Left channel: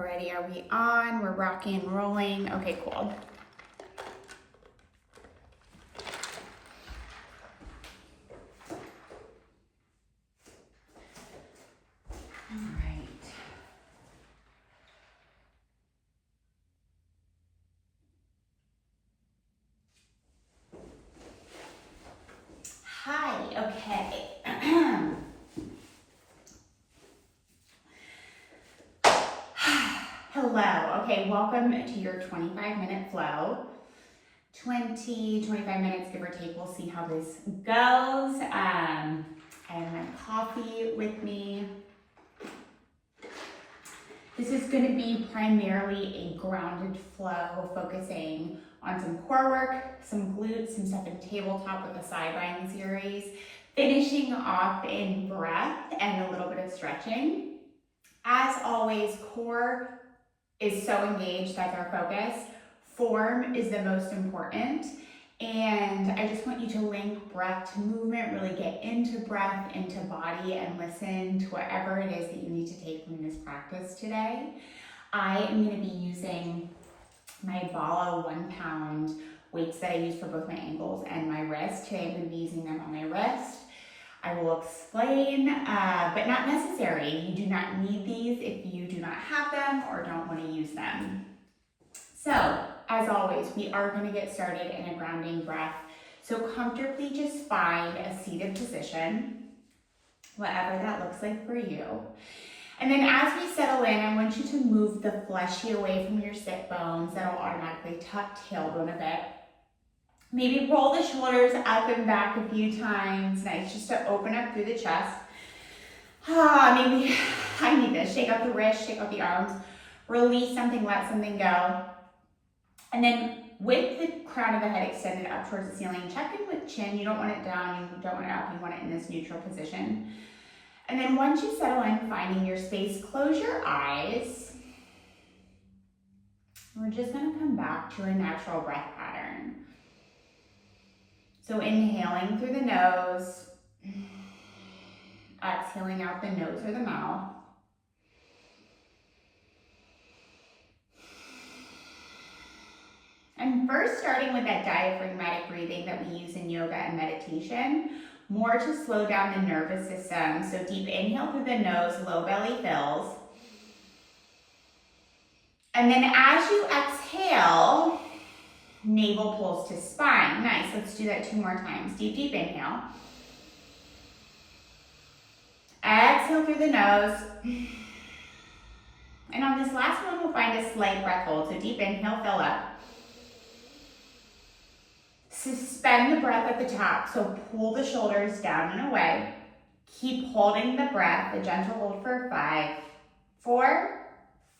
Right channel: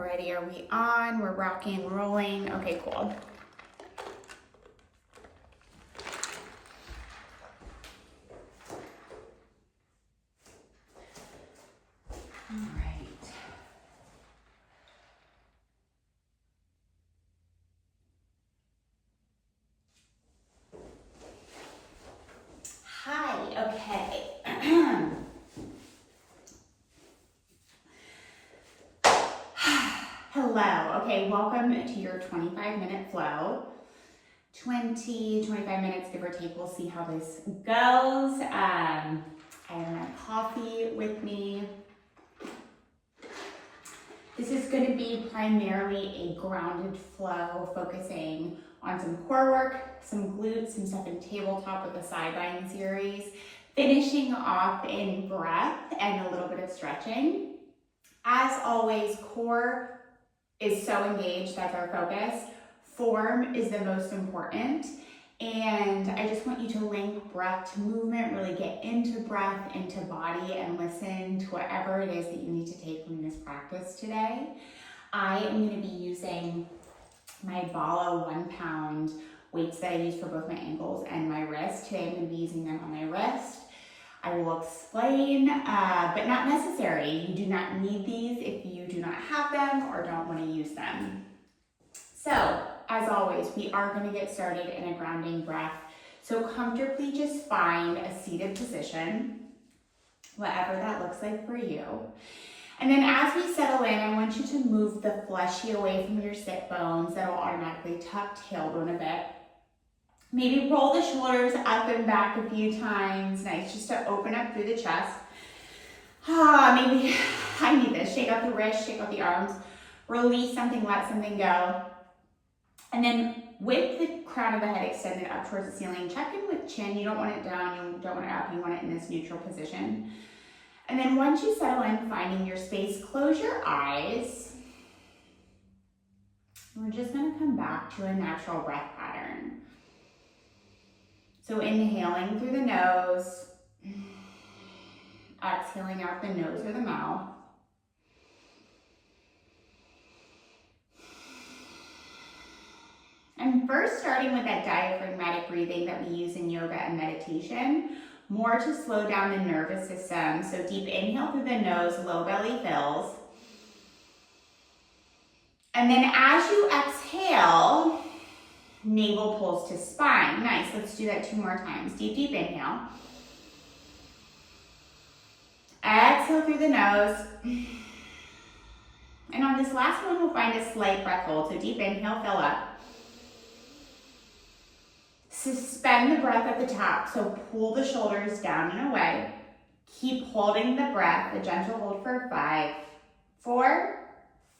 Alrighty, are we on? We're rocking and rolling. Okay, cool. Hi, okay. Hello, okay, welcome to your 25-minute flow. 25 minutes, give or take, we'll see how this goes. I have my coffee with me. This is going to be primarily a grounded flow, focusing on some core work, some glutes, some stuff in tabletop with the sideline series, finishing off in breath and a little bit of stretching. As always, core is so engaged, that's our focus. Form is the most important. And I just want you to link breath to movement, really get into breath, into body, and listen to whatever it is that you need to take from this practice today. I am going to be using my Bala 1 pound weights that I use for both my ankles and my wrist. Today I'm going to be using them on my wrist. I will explain, but not necessary. You do not need these if you do not have them or don't want to use them. So, as always, we are going to get started in a grounding breath. So comfortably just find a seated position, whatever that looks like for you. And then as we settle in, I want you to move the fleshy away from your sit bones. That'll automatically tuck tailbone a bit. Maybe roll the shoulders up and back a few times. Nice, just to open up through the chest. Maybe I need this. Shake out the wrist, shake out the arms. Release something, let something go. And then with the crown of the head extended up towards the ceiling, check in with chin. You don't want it down, you don't want it up, you want it in this neutral position. And then once you settle in, finding your space, close your eyes. We're just gonna come back to a natural breath pattern. So inhaling through the nose, exhaling out the nose or the mouth. And first starting with that diaphragmatic breathing that we use in yoga and meditation, more to slow down the nervous system. So deep inhale through the nose, low belly fills. And then as you exhale, navel pulls to spine. Nice, let's do that 2 more times. Deep, deep inhale. Exhale through the nose. And on this last one, we'll find a slight breath hold. So deep inhale, fill up. Suspend the breath at the top, so pull the shoulders down and away. Keep holding the breath, a gentle hold for 5, 4,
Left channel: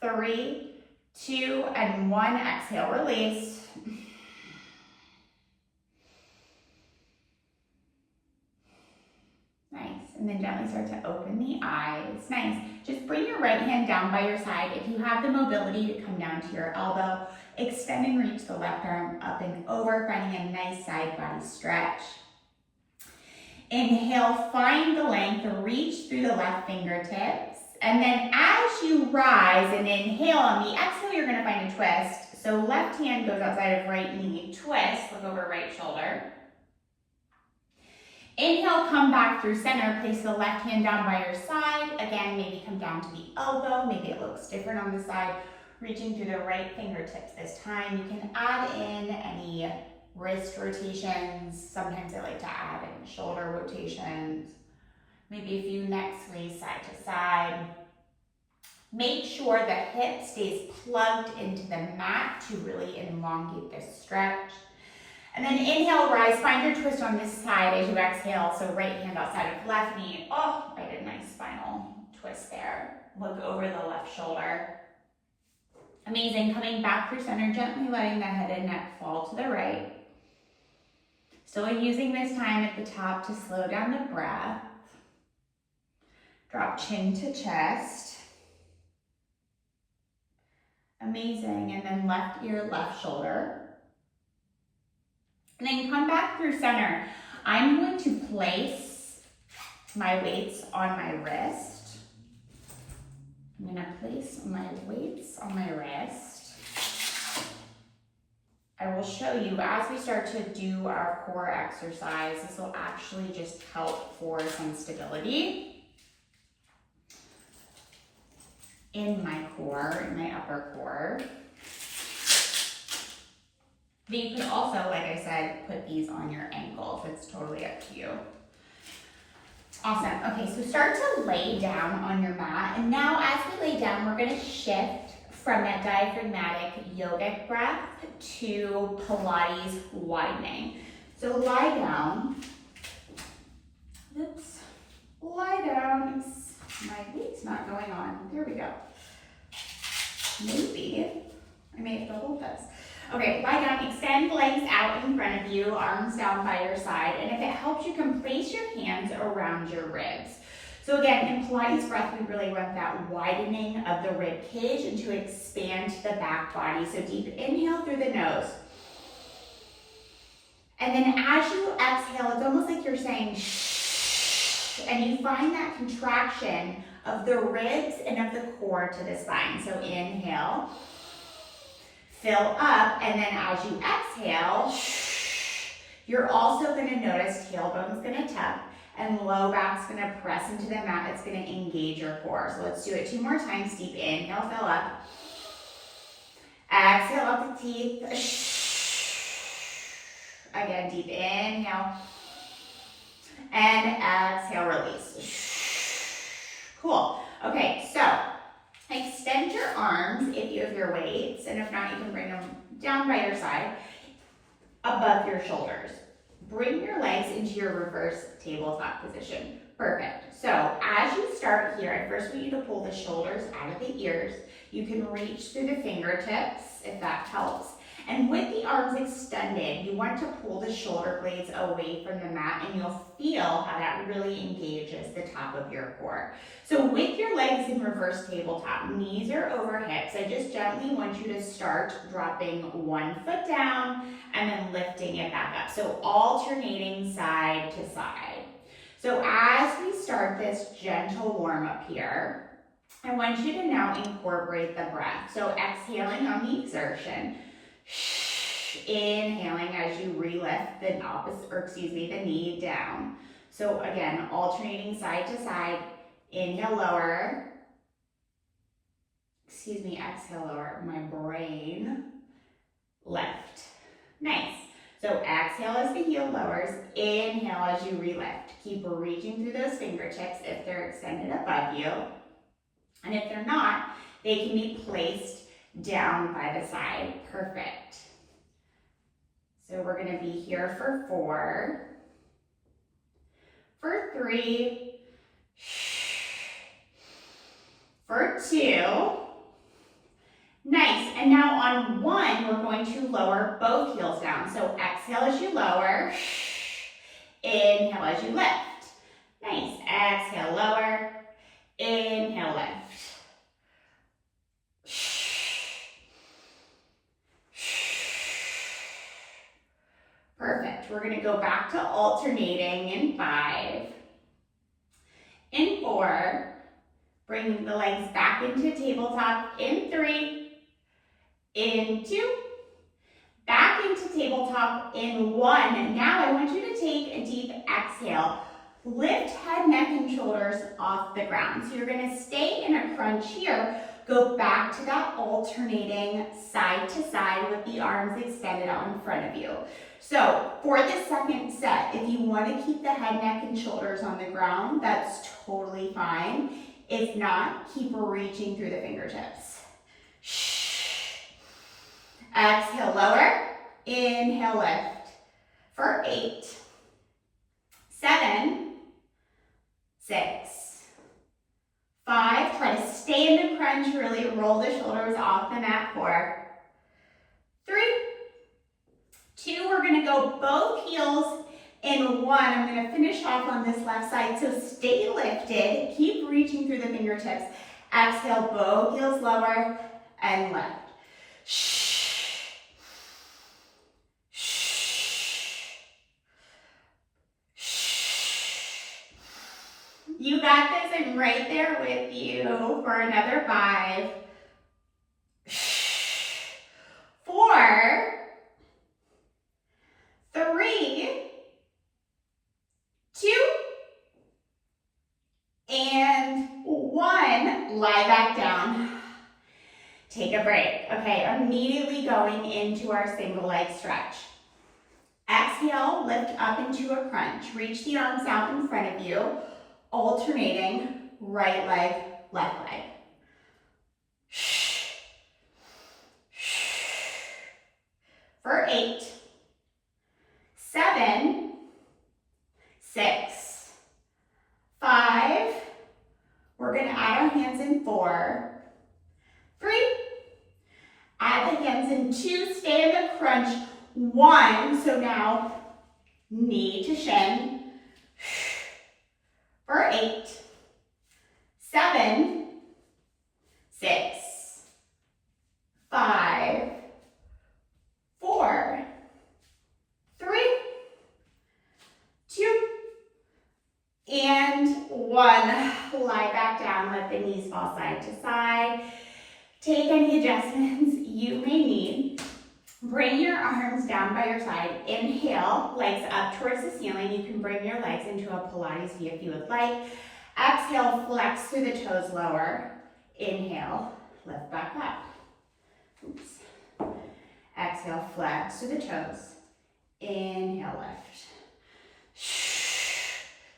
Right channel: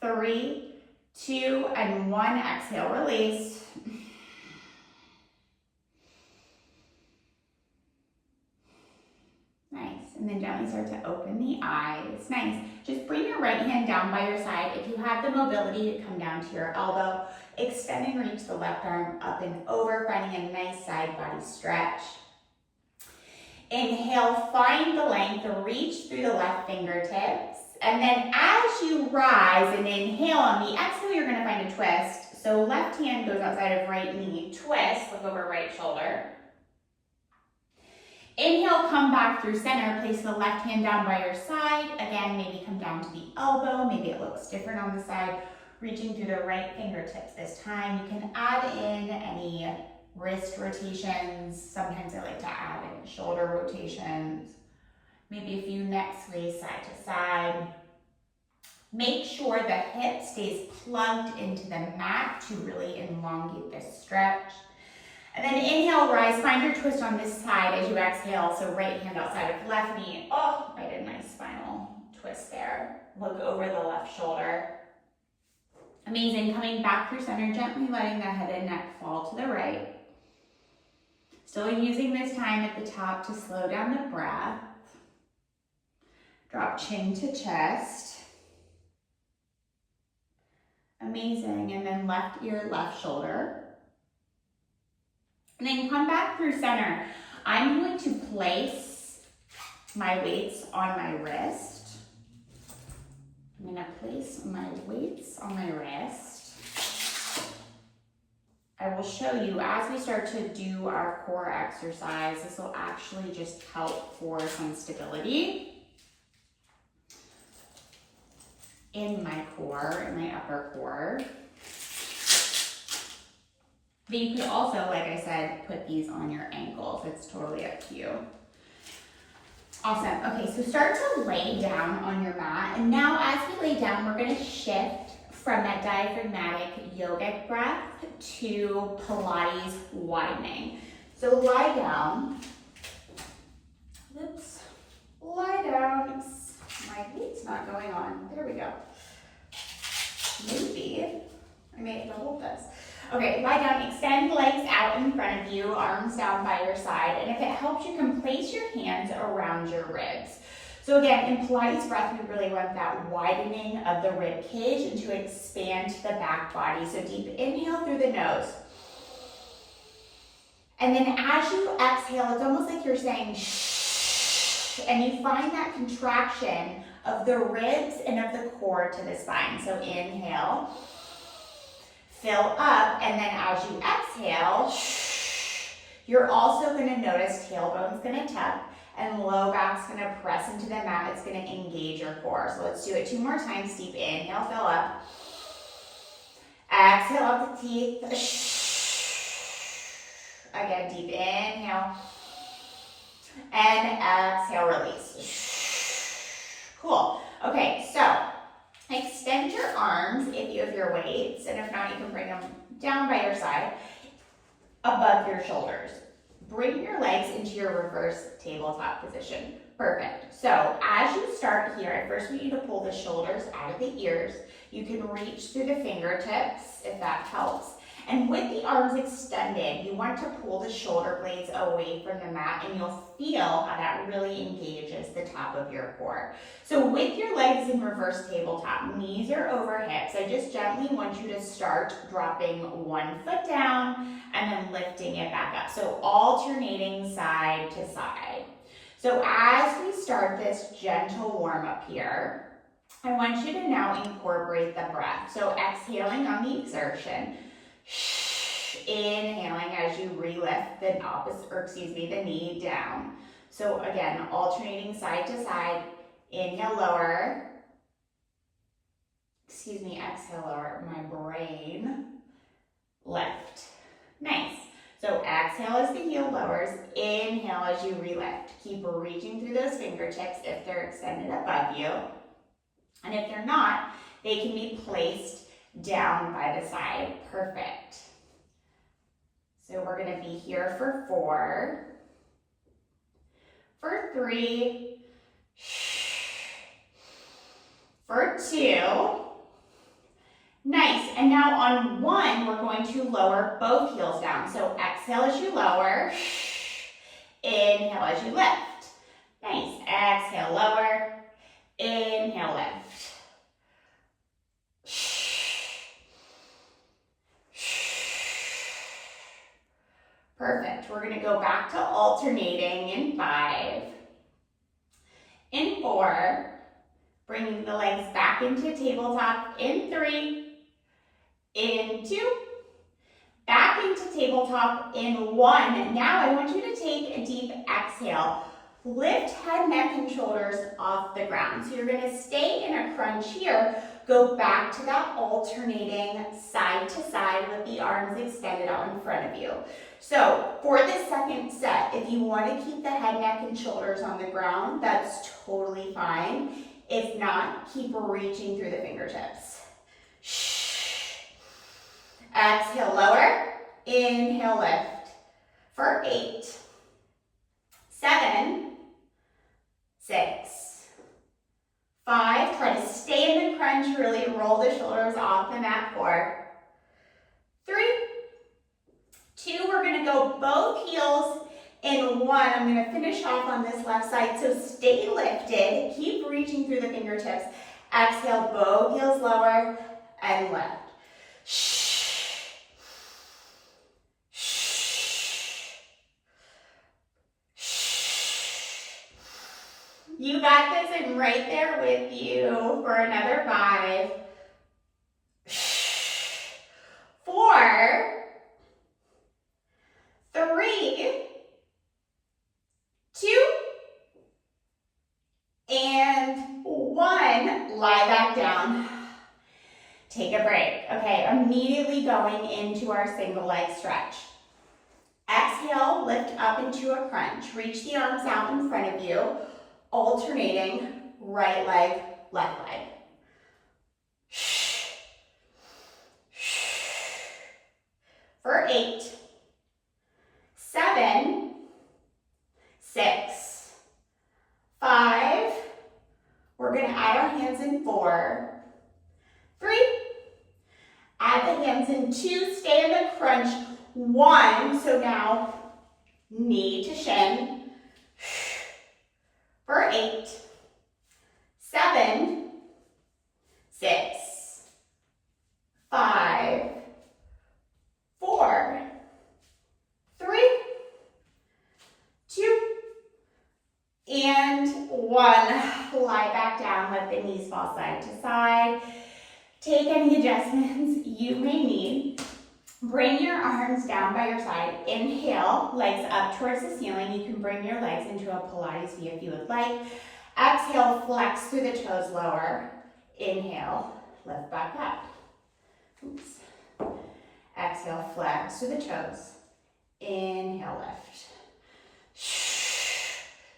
3, 2, and 1. Exhale, release. Nice, and then gently start to open the eyes. Nice, just bring your right hand down by your side. If you have the mobility to come down to your elbow, extend and reach the left arm up and over, finding a nice side body stretch. Inhale, find the length, reach through the left fingertips. And then as you rise and inhale, on the exhale, you're gonna find a twist. So left hand goes outside of right knee, twist, look over right shoulder. Inhale, come back through center, place the left hand down by your side. Again, maybe come down to the elbow, maybe it looks different on the side. Reaching through the right fingertips this time. You can add in any wrist rotations. Sometimes I like to add in shoulder rotations. Maybe a few neck sways side to side. Make sure the hip stays plugged into the mat to really elongate this stretch. And then inhale, rise, find your twist on this side as you exhale. So right hand outside of left knee. Oh, I did a nice spinal twist there. Look over the left shoulder. Amazing, coming back through center, gently letting the head and neck fall to the right. Still using this time at the top to slow down the breath. Drop chin to chest. Amazing, and then left ear, left shoulder. And then come back through center. I'm going to place my weights on my wrist. I'm gonna place my weights on my wrist. I will show you as we start to do our core exercise, this will actually just help for some stability in my core, in my upper core. But you could also, like I said, put these on your ankles. It's totally up to you. Awesome. Okay, so start to lay down on your mat. And now as we lay down, we're gonna shift from that diaphragmatic yogic breath to Pilates widening. So lie down. Oops. Lie down. My weight's not going on. There we go. Maybe I may have to hold this. Okay, lie down, extend legs out in front of you, arms down by your side, and if it helps, you can place your hands around your ribs. So again, in Pilates breath, we really want that widening of the rib cage and to expand the back body. So deep inhale through the nose. And then as you exhale, it's almost like you're saying shh, and you find that contraction of the ribs and of the core to the spine. So inhale. Fill up, and then as you exhale, you're also going to notice tailbone's going to tuck and low back's going to press into the mat. It's going to engage your core. So let's do it 2 more times. Deep inhale, fill up. Exhale up the teeth. Again, deep inhale. And exhale, release. Cool. Okay, so extend your arms if you have your weights, and if not, you can bring them down by your side, above your shoulders. Bring your legs into your reverse tabletop position. Perfect. So as you start here, I first want you to pull the shoulders out of the ears. You can reach through the fingertips if that helps. And with the arms extended, you want to pull the shoulder blades away from the mat, and you'll feel how that really engages the top of your core. So with your legs in reverse tabletop, knees are over hips, I just gently want you to start dropping one foot down and then lifting it back up. So alternating side to side. So as we start this gentle warm up here, I want you to now incorporate the breath. So exhaling on the exertion. Inhaling as you relift the knee down. So again, alternating side to side. Inhale, lower. Exhale, lower. My brain. Lift. Nice. So exhale as the heel lowers. Inhale as you relift. Keep reaching through those fingertips if they're extended above you. And if they're not, they can be placed down by the side. Perfect. So we're going to be here for 4, for 3, for 2. Nice. And now on 1, we're going to lower both heels down. So exhale as you lower. Inhale as you lift. Nice. Exhale, lower. Inhale, lift. Perfect. We're going to go back to alternating in 5. In 4. Bring the legs back into tabletop in 3. In 2. Back into tabletop in 1. Now I want you to take a deep exhale. Lift head, neck, and shoulders off the ground. So you're going to stay in a crunch here. Go back to that alternating side to side with the arms extended out in front of you. So for the second set, if you want to keep the head, neck, and shoulders on the ground, that's totally fine. If not, keep reaching through the fingertips. Exhale, lower. Inhale, lift. For 8, 7, 6, 5. Try to stay in the crunch, really roll the shoulders off the mat. 4, 3, 2. We're going to go both heels in 1. I'm going to finish off on this left side. So stay lifted. Keep reaching through the fingertips. Exhale, both heels lower and lift. You got this. I'm right there with you for another 5, 4, 3, 2, and 1. Lie back down. Take a break. Okay, immediately going into our single leg stretch. Exhale, lift up into a crunch. Reach the arms out in front of you, alternating right leg, left leg. For 8, 7, 6, 5. We're going to add our hands in 4, 3. Add the hands in 2. Stay in the crunch. 1. So now knee to shin. For 8, 7, 6, 5, 4, 3, 2, and 1. Lie back down, let the knees fall side to side. Take any adjustments you may need. Bring your arms down by your side. Inhale, legs up towards the ceiling. You can bring your legs into a Pilates V if you would like. Exhale, flex through the toes lower. Inhale, lift back up. Oops. Exhale, flex through the toes. Inhale, lift.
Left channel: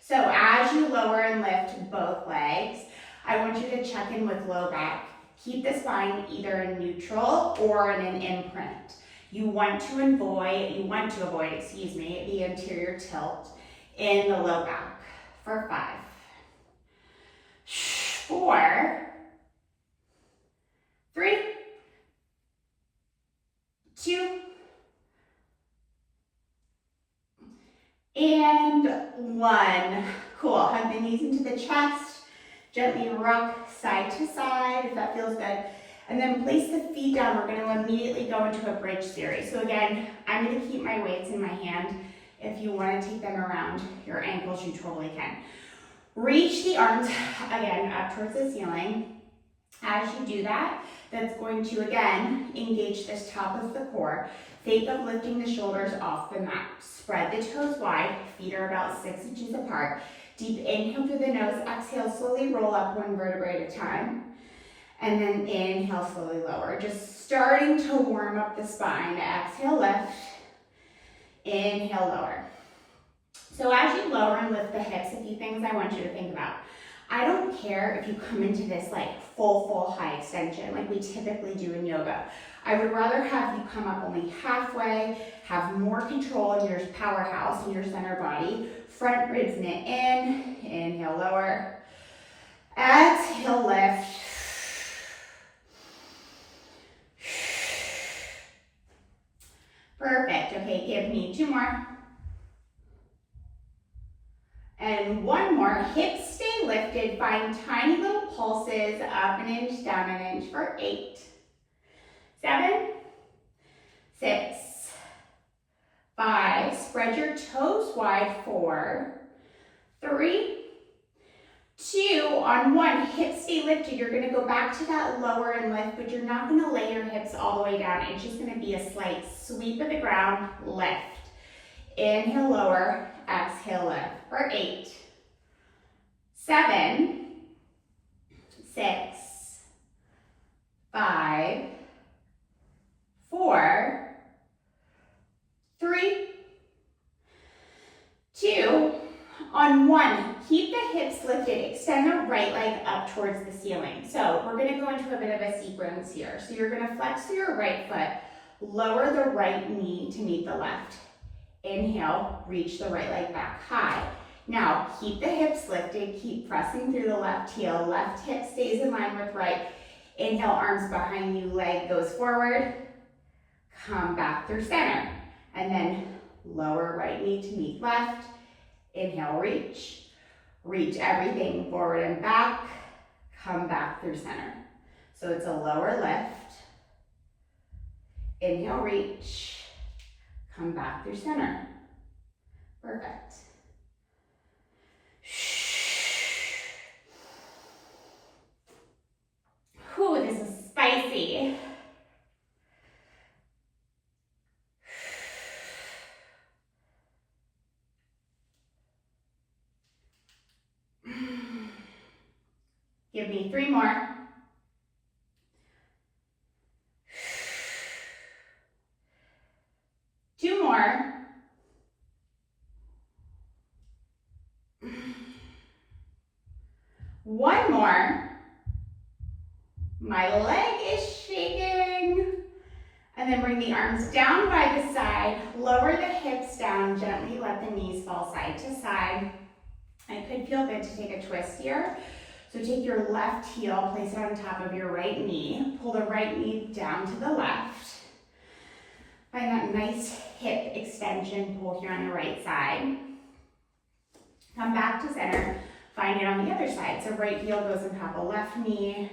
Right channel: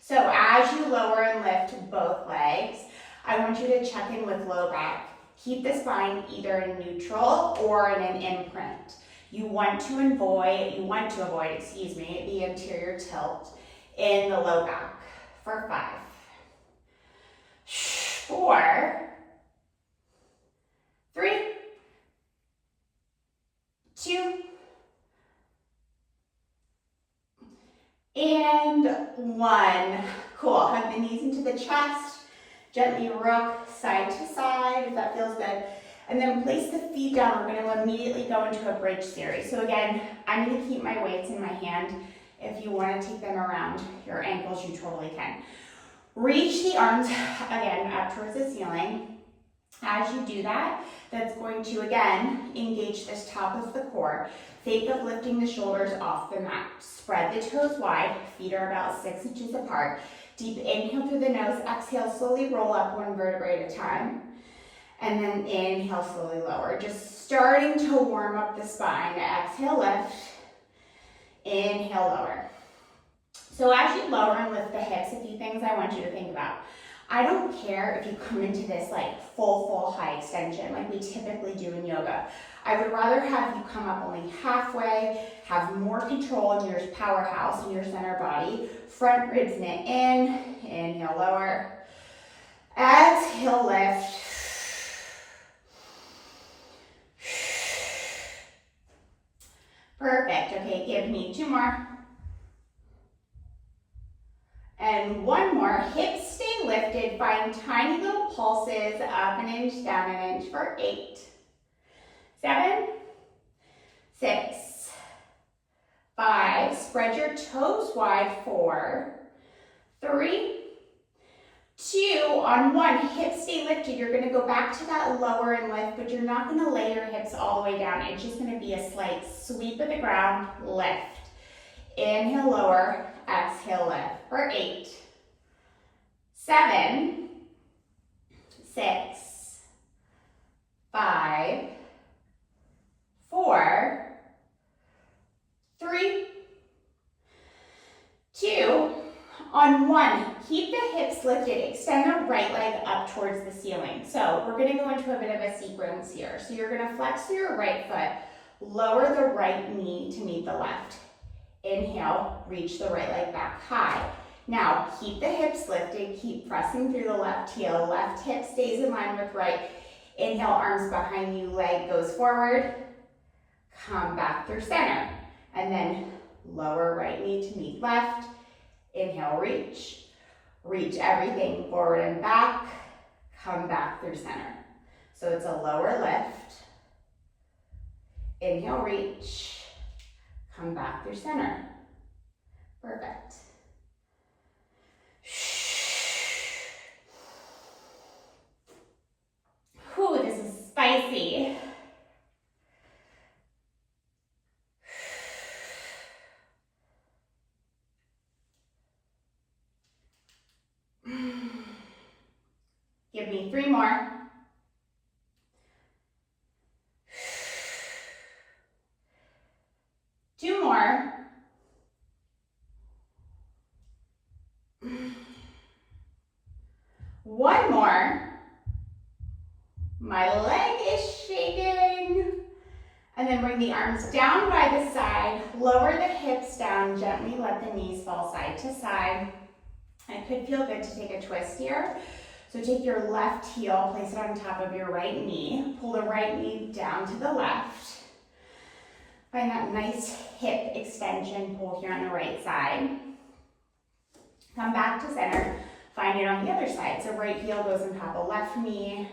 So as you lower and lift both legs, I want you to check in with low back. Keep the spine either in neutral or in an imprint. You want to avoid, the anterior tilt in the low back. For 5, 4, 3, 2, and 1. Cool. Hug the knees into the chest. Gently rock side to side if that feels good. And then place the feet down. We're going to immediately go into a bridge series. So again, I'm going to keep my weights in my hand. If you want to take them around your ankles, you totally can. Reach the arms, again, up towards the ceiling. As you do that, that's going to, again, engage this top of the core. Think of lifting the shoulders off the mat. Spread the toes wide. Feet are about 6 inches apart. Deep inhale through the nose. Exhale, slowly roll up 1 vertebrae at a time. And then inhale, slowly lower. Just starting to warm up the spine. Exhale, lift. Inhale, lower. So as you lower and lift the hips, a few things I want you to think about. I don't care if you come into this like full high extension like we typically do in yoga. I would rather have you come up only halfway, have more control in your powerhouse in your center body. Front ribs knit in, inhale, lower. Exhale, lift. Perfect. Okay, give me 2 more. And 1 more. Hips stay lifted. Find tiny little pulses, up an inch, down an inch for 8, 7, 6, 5. Spread your toes wide. 4, 3, 2. On 1, hips stay lifted. You're going to go back to that lower and lift, but you're not going to lay your hips all the way down. It's just going to be a slight sweep of the ground, lift. Inhale, lower. Exhale, lift. For 8, 7, 6, 5, 4, 3, 2. On 1, keep the hips lifted. Extend the right leg up towards the ceiling. So we're going to go into a bit of a sequence here. So you're going to flex through your right foot, lower the right knee to meet the left. Inhale, reach the right leg back high. Now, keep the hips lifted, keep pressing through the left heel. Left hip stays in line with right. Inhale, arms behind you, leg goes forward. Come back through center. And then lower right knee to meet left. Inhale, reach. Reach everything forward and back. Come back through center. So it's a lower lift. Inhale, reach. Come back through center. Perfect. 3 more. Two more. One more. My leg is shaking. And then bring the arms down by the side, lower the hips down, gently let the knees fall side to side. It could feel good to take a twist here. So take your left heel, place it on top of your right knee, pull the right knee down to the left. Find that nice hip extension pull here on the right side. Come back to center, find it on the other side. So right heel goes on top of left knee.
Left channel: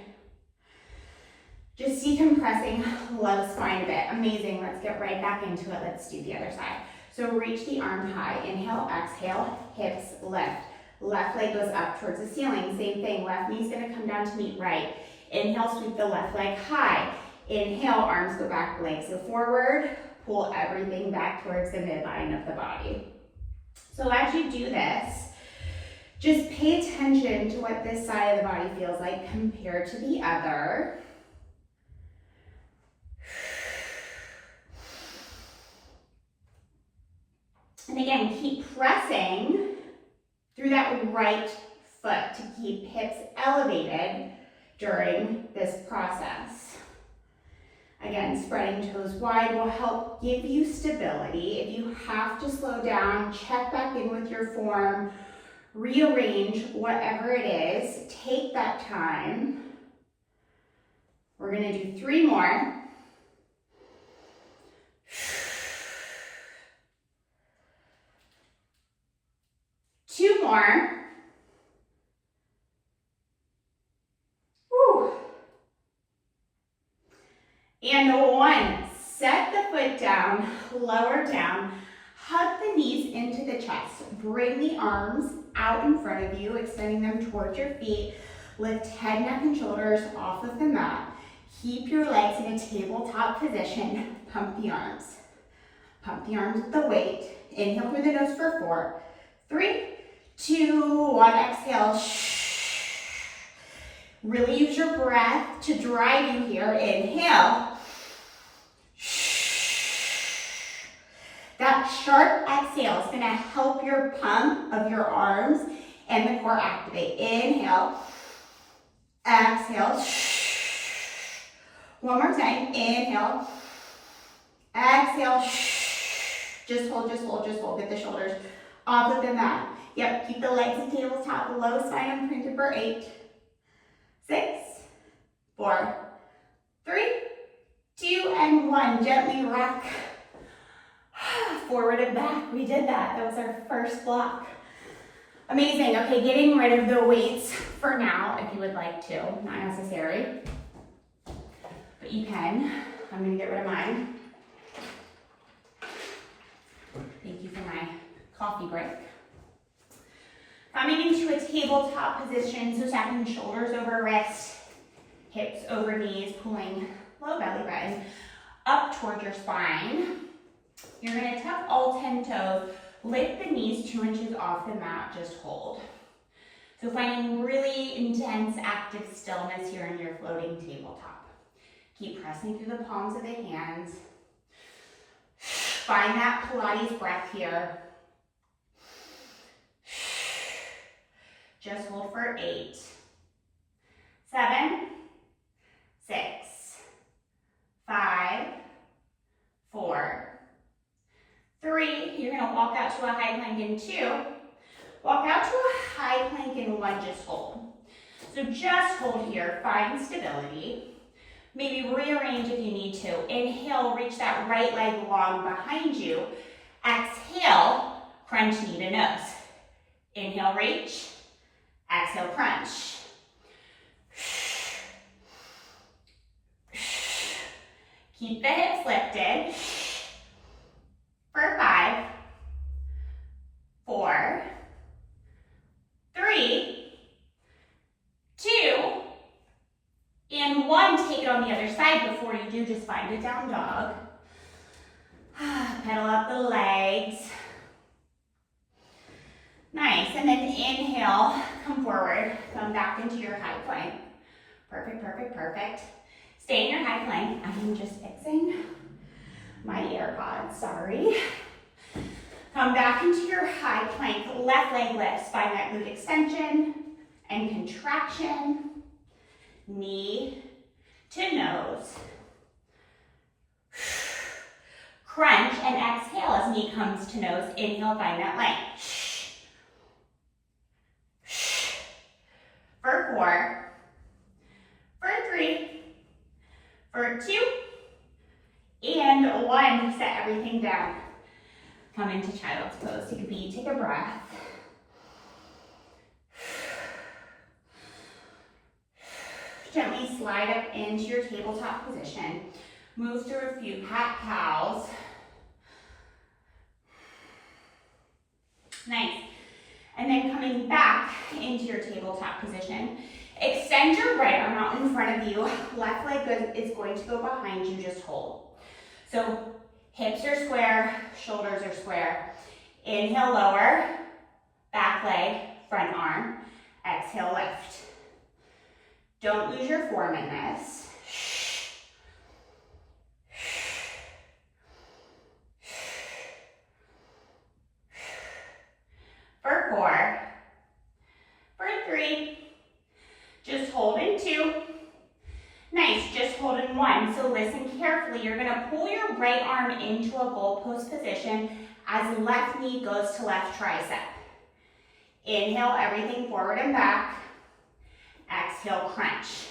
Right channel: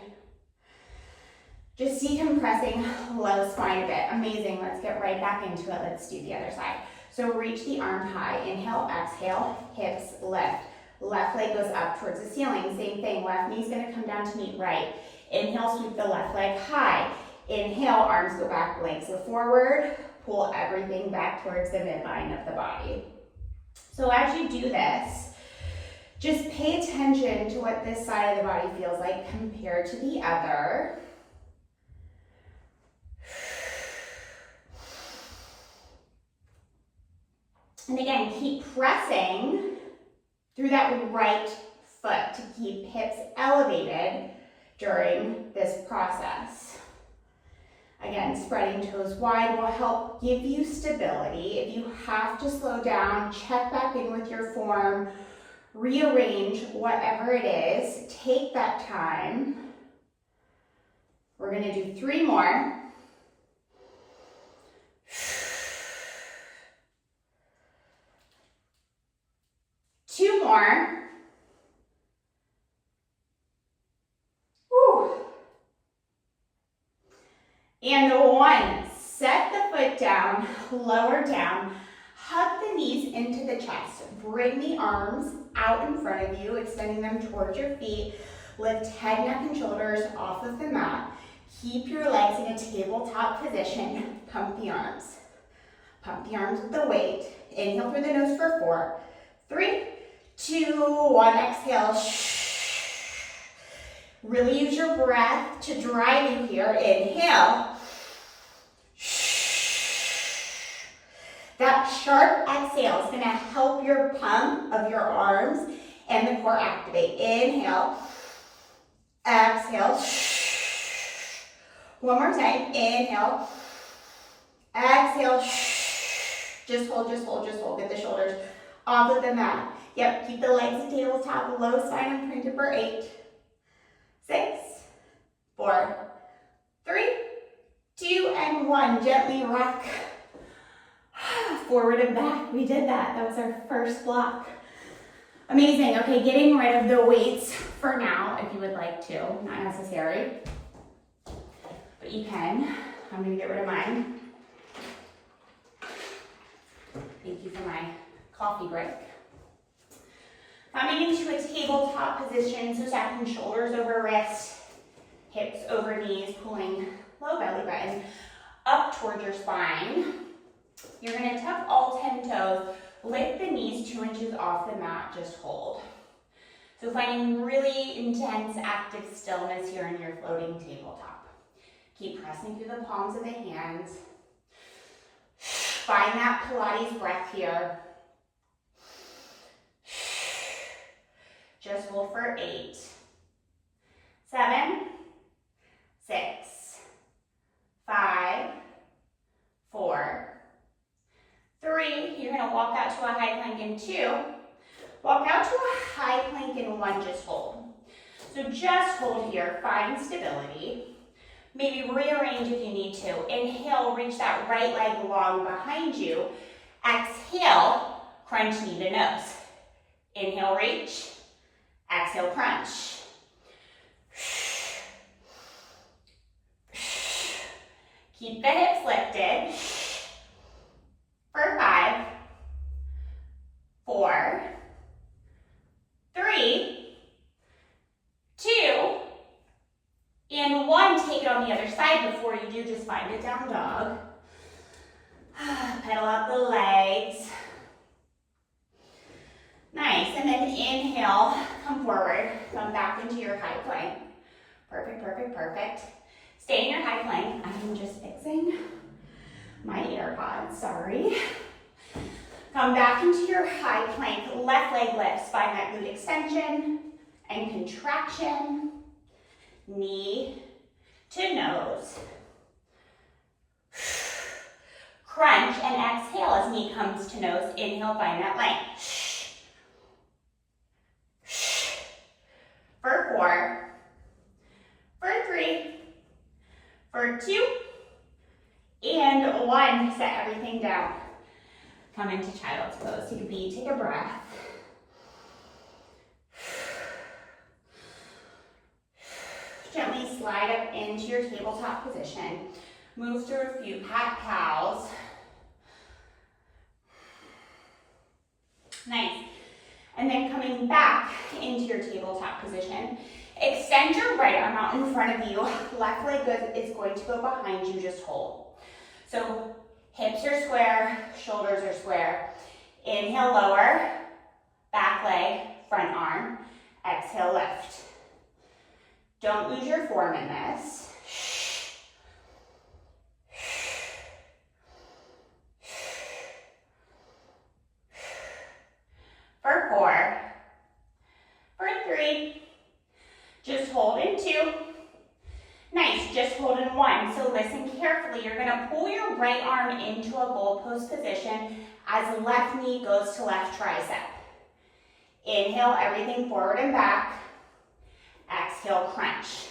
Just decompressing low spine a bit. Amazing, let's get right back into it. Let's do the other side. So reach the arm high, inhale, exhale, hips lift. Left leg goes up towards the ceiling, same thing. Left knee's gonna come down to meet right. Inhale, sweep the left leg high. Inhale, arms go back, legs go forward. Pull everything back towards the midline of the body. So as you do this, just pay attention to what this side of the body feels like compared to the other. And again, keep pressing through that right foot to keep hips elevated during this process. Again, spreading toes wide will help give you stability. If you have to slow down, check back in with your form, rearrange whatever it is, take that time. We're gonna do 3 more. Two more. Whew. And 1. Set the foot down, lower down, hug the knees into the chest. Bring the arms out in front of you, extending them towards your feet. Lift head, neck, and shoulders off of the mat. Keep your legs in a tabletop position. Pump the arms. Pump the arms with the weight. Inhale through the nose for 4, 3, 2, 1, exhale. Really use your breath to drive you here. Inhale. That sharp exhale is going to help your pump of your arms and the core activate. Inhale. Exhale. One more time. Inhale. Exhale. Just hold, just hold, just hold. Get the shoulders off of the mat. Yep, keep the legs and tabletop, low spine imprinted for 8, 6, 4, 3, 2, and 1. Gently rock forward and back. We did that. That was our first block. Amazing. Okay, getting rid of the weights for now, if you would like to. Not necessary, but you can. I'm going to get rid of mine. Thank you for my coffee break. Coming into a tabletop position, so stacking shoulders over wrists, hips over knees, pulling low belly button up toward your spine. You're going to tuck all 10 toes, lift the knees 2 inches off the mat, just hold. So finding really intense active stillness here in your floating tabletop. Keep pressing through the palms of the hands. Find that Pilates breath here. Just hold for 8, 7, 6, 5, 4, 3. You're going to walk out to a high plank in 2. Walk out to a high plank in 1, just hold. So just hold here, find stability. Maybe rearrange if you need to. Inhale, reach that right leg long behind you. Exhale, crunch knee to nose. Inhale, reach. Exhale, crunch. Keep the hips lifted. For 5, 4, 3, 2, and 1. Take it on the other side. Before you do, just find a down dog. Pedal out the legs. Nice, and then inhale, come forward, come back into your high plank. Perfect, perfect, perfect. Stay in your high plank. I'm just fixing my AirPods, sorry. Come back into your high plank, left leg lifts, find that glute extension and contraction, knee to nose. Crunch and exhale as knee comes to nose. Inhale, find that length. For 4, for 3, for 2, and 1. Set everything down. Come into child's pose. Take a beat, take a breath. Gently slide up into your tabletop position. Move through a few cat-cows. Nice. And then coming back into your tabletop position, extend your right arm out in front of you. Left leg is going to go behind you, just hold. So hips are square, shoulders are square. Inhale, lower, back leg, front arm. Exhale, lift. Don't lose your form in this. For 4, for 3, just hold in 2. Nice, just hold in 1. So listen carefully. You're gonna pull your right arm into a goalpost position as left knee goes to left tricep. Inhale, everything forward and back. Exhale, crunch.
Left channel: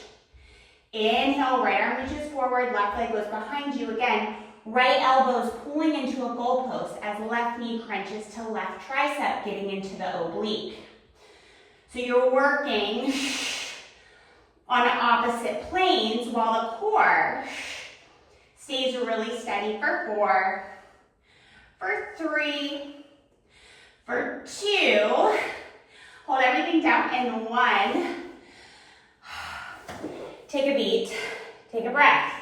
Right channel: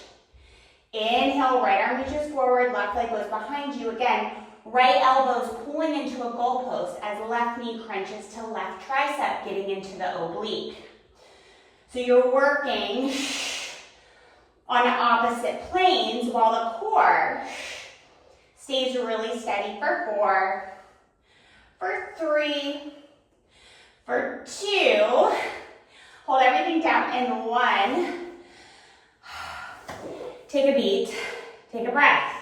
Inhale, right arm reaches forward, left leg goes behind you. Again, right elbow's pulling into a goalpost as left knee crunches to left tricep, getting into the oblique. So you're working on opposite planes while the core stays really steady for 4, for 3, for 2. Hold everything down in 1. Take a beat, take a breath.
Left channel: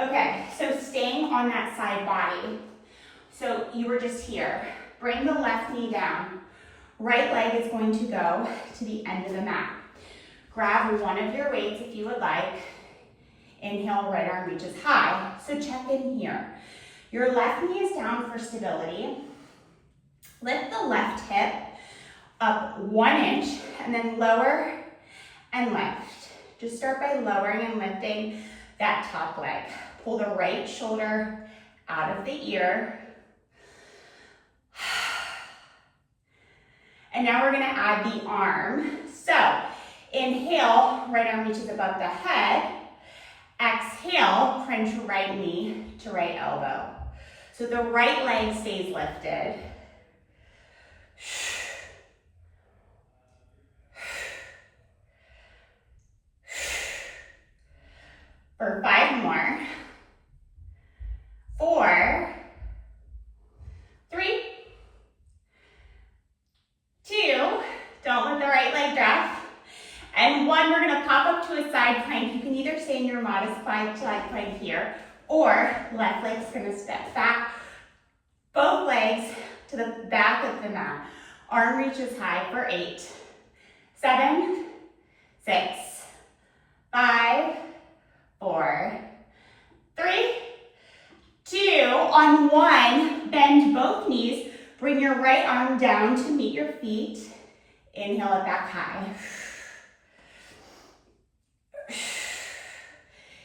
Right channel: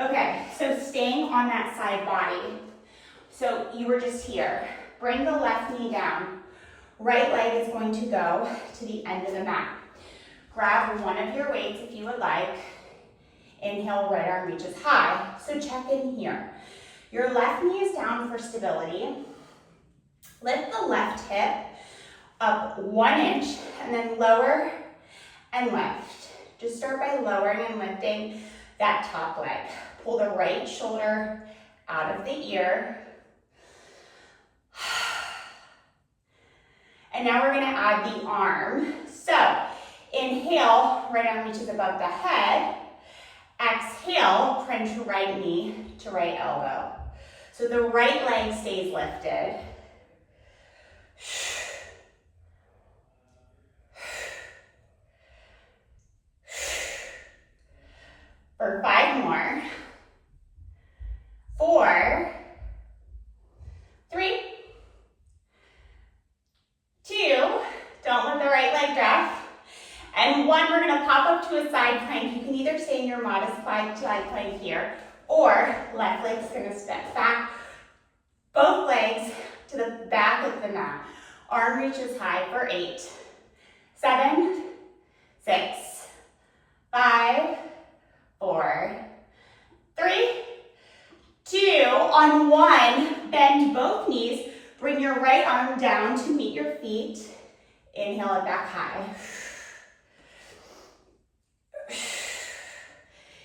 Okay, so staying on that side body. So you were just here. Bring the left knee down. Right leg is going to go to the end of the mat. Grab one of your weights if you would like. Inhale, right arm reaches high. So check in here. Your left knee is down for stability. Lift the left hip up 1 inch and then lower and lift. Just start by lowering and lifting that top leg. Pull the right shoulder out of the ear. And now we're gonna add the arm. So inhale, right arm reaches above the head. Exhale, crunch right knee to right elbow. So the right leg stays lifted. For 5 more. 4, 3, 2, don't let the right leg drop. And 1, we're gonna pop up to a side plank. You can either stay in your modest side plank here, or left leg's gonna step back. Both legs to the back of the mat. Arm reaches high for 8, 7, 6, 5, 4, 3, 2. On 1, bend both knees. Bring your right arm down to meet your feet. Inhale it back high.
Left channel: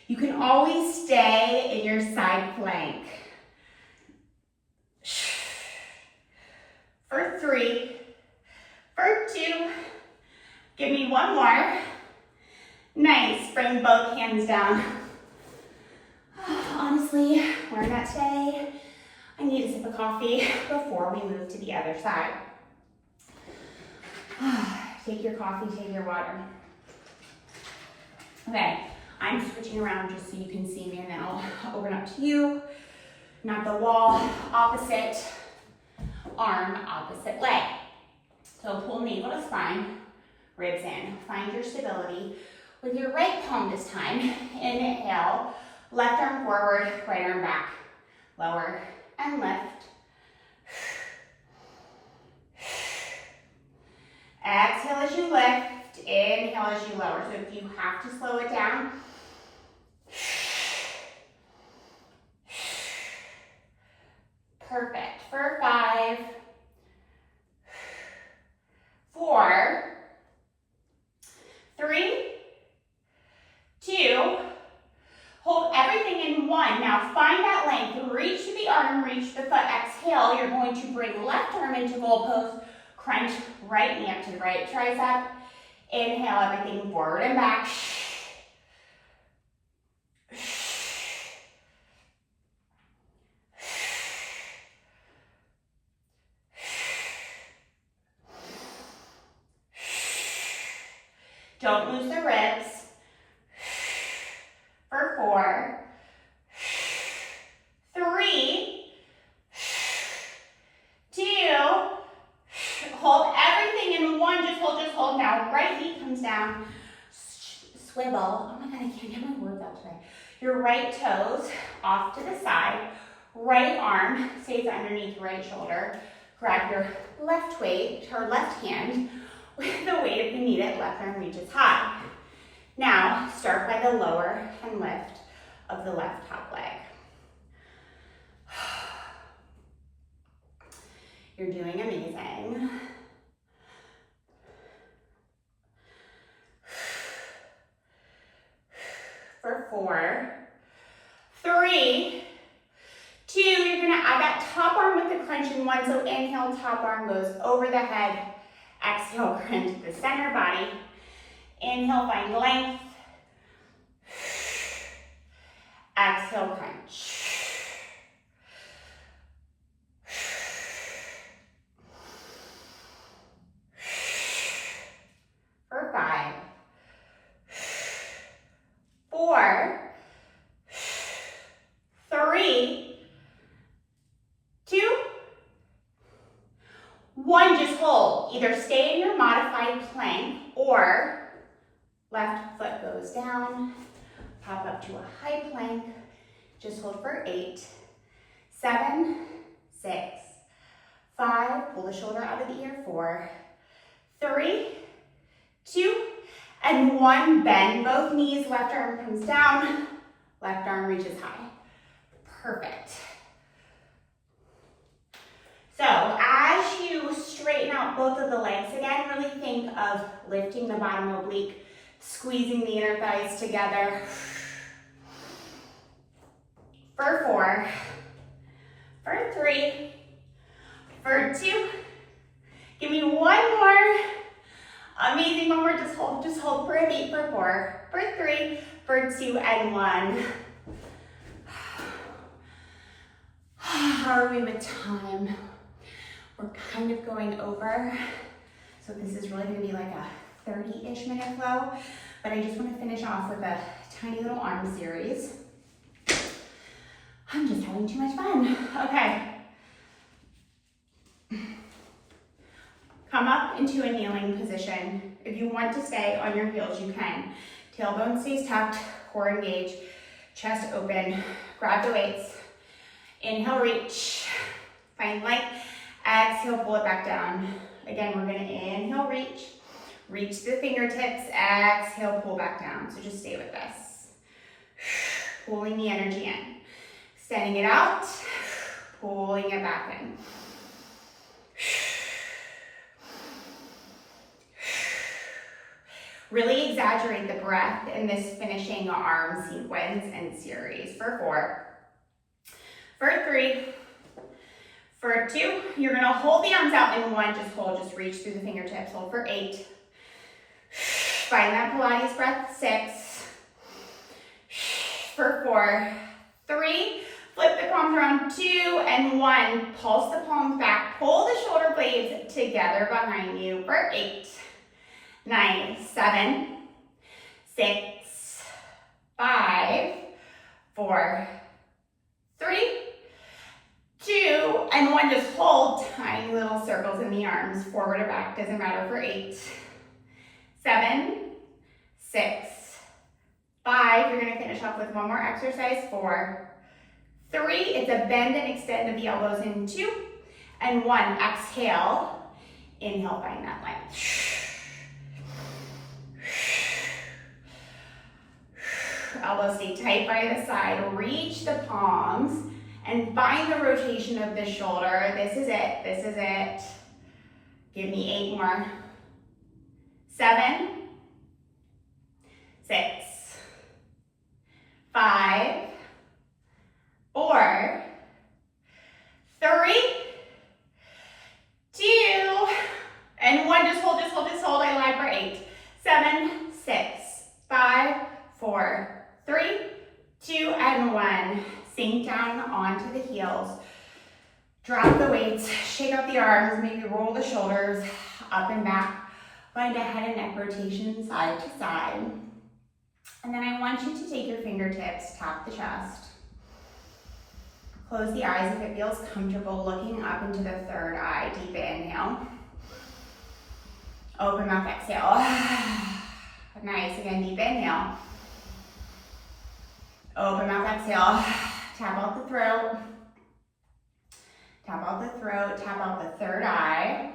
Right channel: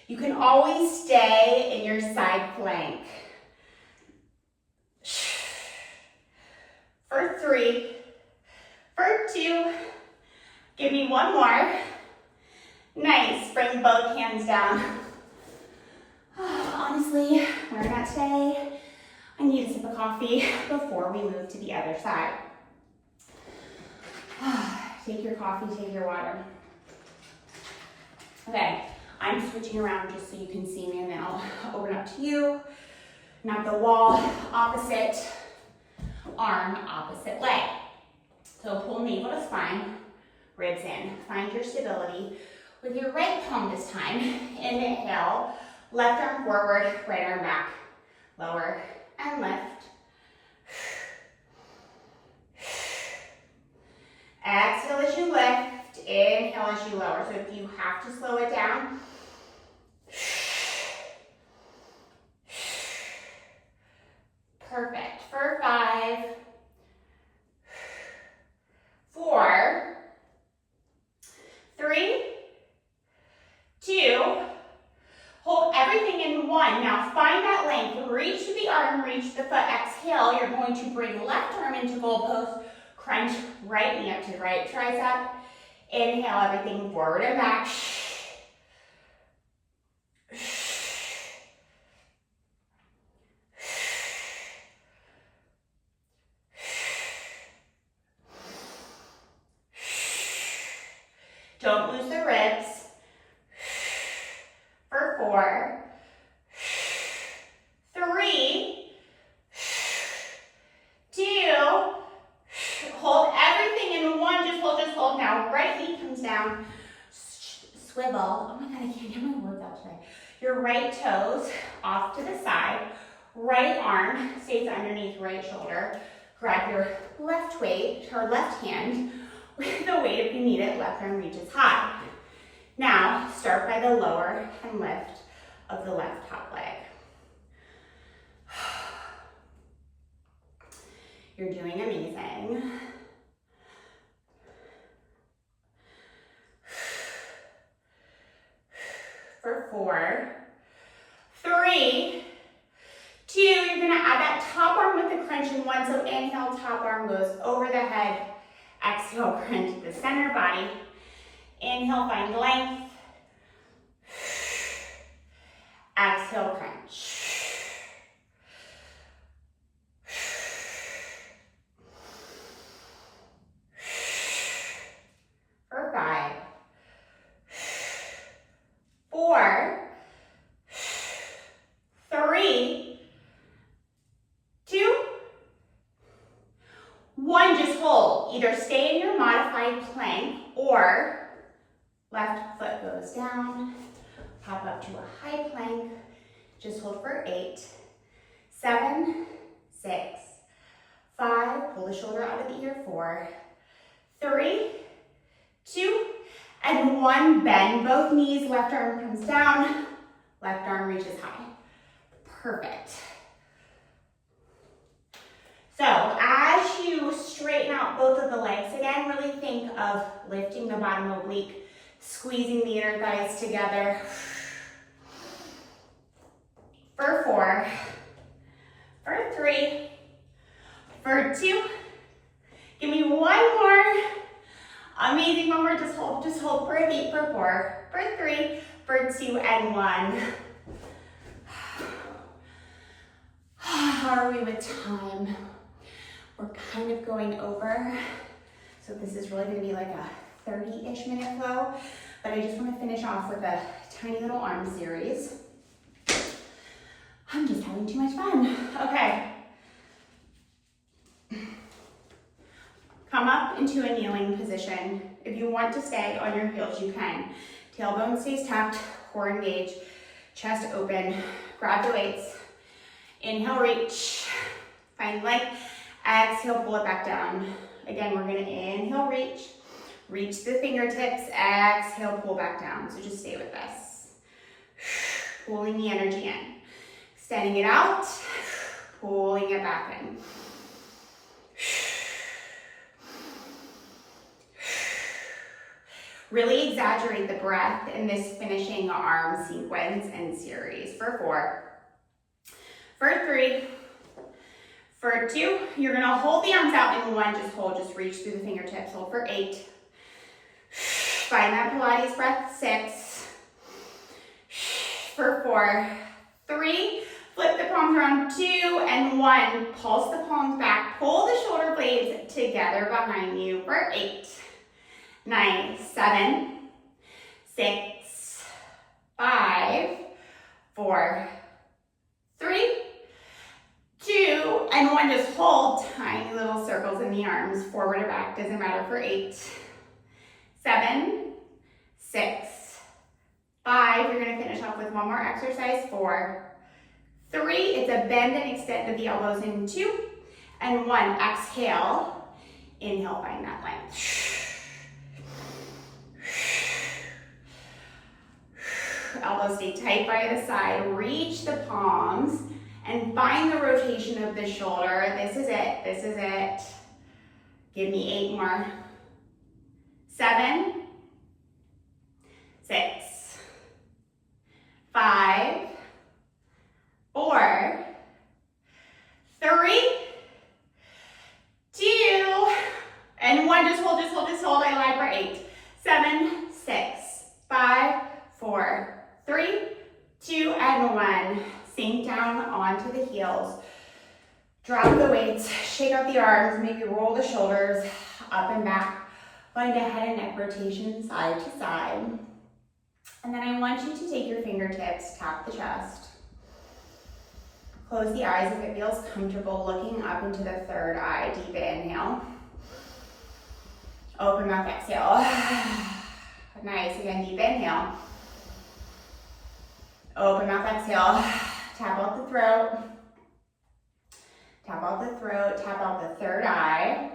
You can always stay in your side plank. For 3, for 2, give me 1 more. Nice, bring both hands down. Honestly, where I'm at today, I need a sip of coffee before we move to the other side. Take your coffee, take your water. Okay, I'm switching around just so you can see me, and then I'll open up to you. Not the wall, opposite arm, opposite leg. So pull navel to spine, ribs in. Find your stability. With your right palm this time, inhale, left arm forward, right arm back. Lower and lift. Exhale as you lift. Inhale as you lower. So if you have to slow it down, perfect. For 5, 4, 3, 2, hold everything in 1. Now find that length. Reach the arm, reach the foot. Exhale, you're going to bring left arm into goal pose. Crunch right knee up to the right tricep. Inhale everything forward and back. Don't lose the ribs. For 4, 3, 2, hold everything in 1, just hold. Now right knee comes down, swivel. Oh my God, I can't get my words out today. Your right toes off to the side, right arm stays underneath right shoulder. Grab your left weight, or left hand with the weight if you need it, left arm reaches high. Now, start by the lower and lift of the left top leg. You're doing amazing. For 4, 3, 2, you're gonna add that top arm with the crunch in 1. So inhale, top arm goes over the head. Exhale, crunch the center body. Inhale, find length. Exhale, crunch. For 5, 4, 3, 2, 1, just hold. Either stay in your modified plank or left foot goes down, pop up to a high plank. Just hold for 8, 7, 6, 5, pull the shoulder out of the ear, 4, 3, 2, and 1, bend both knees, left arm comes down, left arm reaches high. Perfect. So as you straighten out both of the legs again, really think of lifting the bottom oblique, squeezing the inner thighs together. For 4, for 3, for 2, give me 1 more. Amazing, 1 more, just hold for a beat. For 4, for 3, for 2, and 1. How are we with time? We're kind of going over, so this is really gonna be like a 30-ish minute flow, but I just wanna finish off with a tiny little arm series. I'm just having too much fun. Okay. Come up into a kneeling position. If you want to stay on your heels, you can. Tailbone stays tucked, core engaged, chest open. Grab the weights. Inhale, reach. Find length. Exhale, pull it back down. Again, we're gonna inhale, reach the fingertips. Exhale, pull back down. So just stay with this. Pulling the energy in. Extending it out, pulling it back in. Really exaggerate the breath in this finishing arm sequence and series. For 4, for 3, for 2, you're gonna hold the arms out in 1, just hold, just reach through the fingertips. Hold for 8. Find that Pilates breath. 6, for 4, 3, flip the palms around, 2, and 1. Pulse the palms back, pull the shoulder blades together behind you for 8, 9, 7, 6, 5, 4, 3, 2, and 1. Just hold tiny little circles in the arms, forward or back, doesn't matter, for 8, 7, 6, 5. You're gonna finish off with 1 more exercise. 4, 3, it's a bend and extend of the elbows in 2, and 1. Exhale, inhale, find that length. Elbows stay tight by the side. Reach the palms and find the rotation of the shoulder. This is it. This is it. Give me 8 more. 7, 6, 5, 4, 3, 2, and 1. Just hold, just hold, just hold. I lied for 8. 7, 6, 5, 4, 3, 2, and 1. Sink down onto the heels. Drop the weights, shake out the arms, maybe roll the shoulders up and back. Find a head and neck rotation side to side. And then I want you to take your fingertips, tap the chest. Close the eyes if it feels comfortable, looking up into the third eye. Deep inhale. Open mouth, exhale. Nice, again, deep inhale. Open mouth, exhale. Tap out the throat. Tap out the throat, tap out the third eye.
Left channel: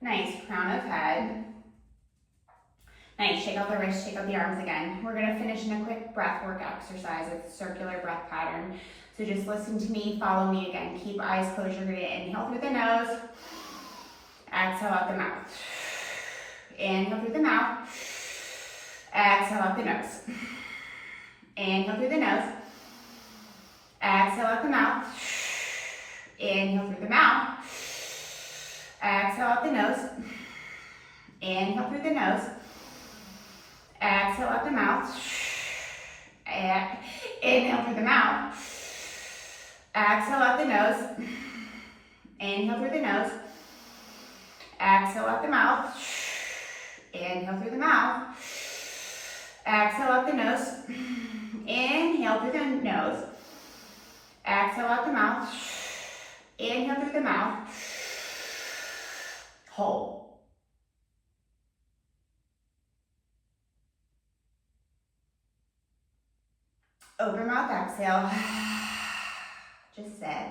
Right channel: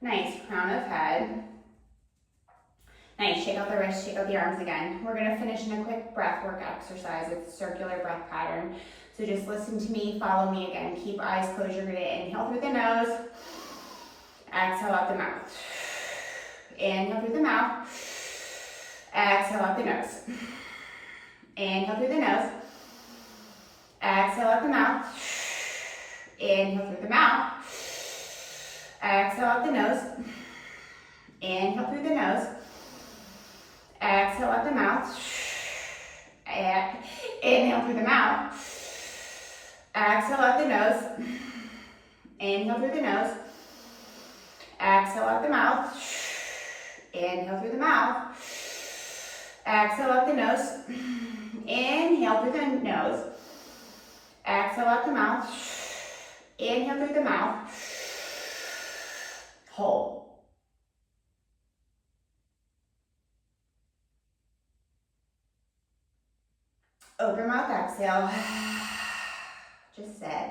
Nice, crown of head. Nice, shake out the wrists, shake out the arms again. We're gonna finish in a quick breath work exercise. It's a circular breath pattern. So just listen to me, follow me again. Keep eyes closed. You're gonna inhale through the nose. Exhale out the mouth. Inhale through the mouth. Exhale out the nose. Inhale through the nose. Exhale out the mouth. Inhale through the mouth. Exhale out the nose. Inhale through the nose. Exhale out the mouth. Inhale through the mouth. Exhale out the nose. Inhale through the nose. Exhale out the mouth. Inhale through the mouth. Exhale out the nose. Inhale through the nose. Exhale out the mouth. Inhale through the mouth. Hold. Open mouth, exhale. Just sit.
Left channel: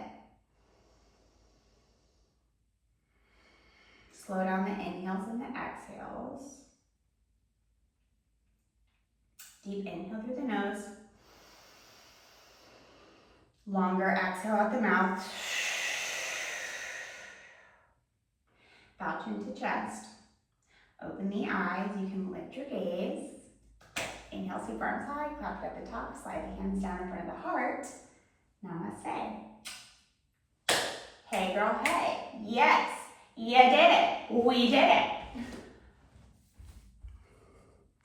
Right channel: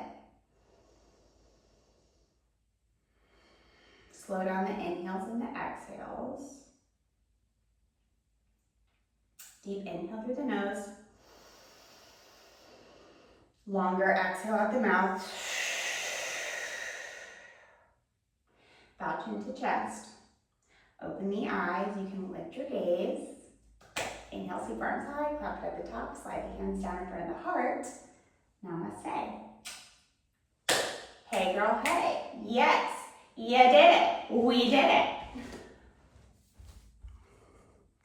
Slow down the inhales and the exhales. Deep inhale through the nose. Longer exhale out the mouth. Bow chin to chest. Open the eyes. You can lift your gaze. Inhale, sweep arms high, clap it at the top, slide the hands down in front of the heart. Namaste. Hey girl, hey. Yes, you did it. We did it.